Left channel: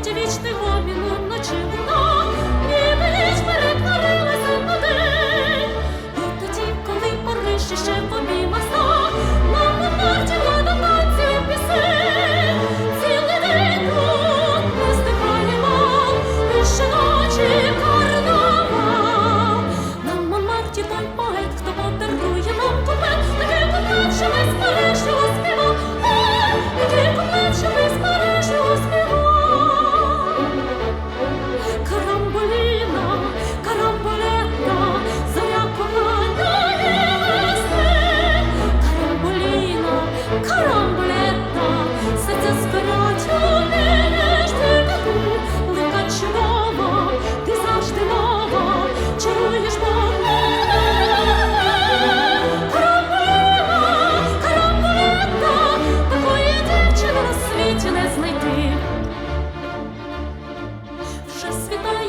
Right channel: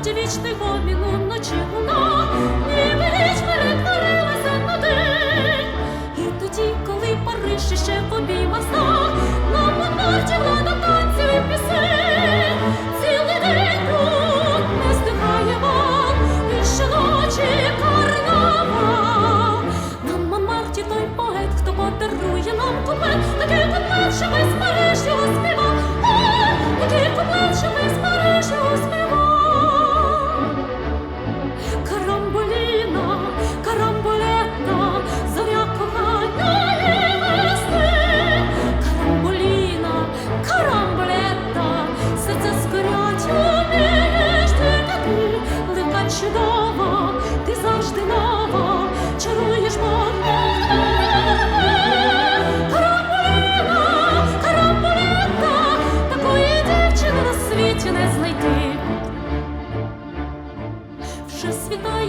Марті вічний гомін уночі луна, ніби ніч перетворилася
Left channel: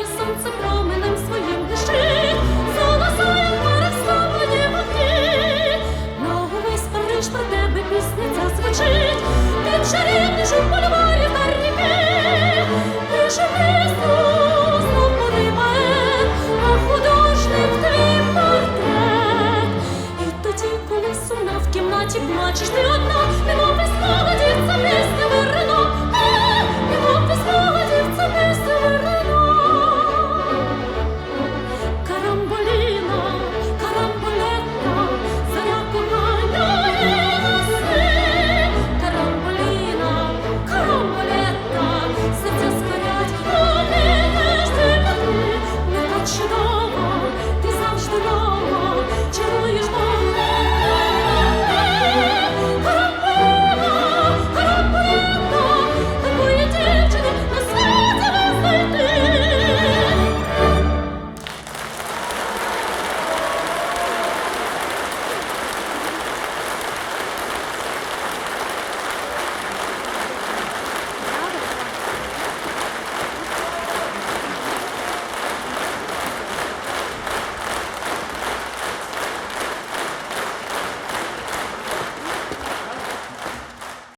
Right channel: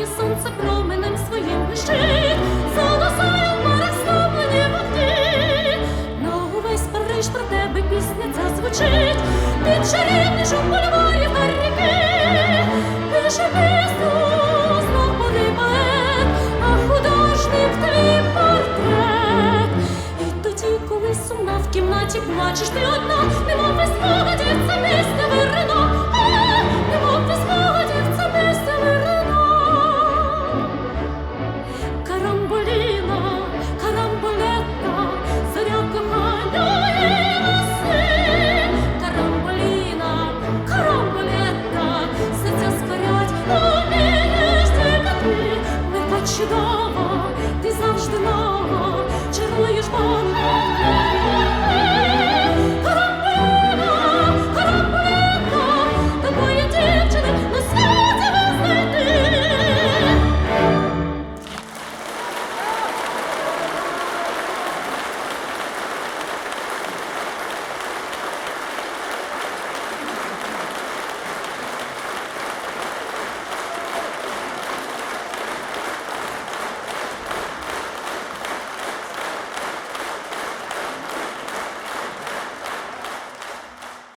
світає сонце променем своїм блищить, Залосає в марах стомлені вогні. На увесь Париж про тебе пісня ця звучить, Під чарівний жук бульварів та ріки. Пише пісню знов поет, а художник твій портрет. І тоді, коли сумна в кімнаті плачеш ти одна, немов без спогадів це пісня вирина.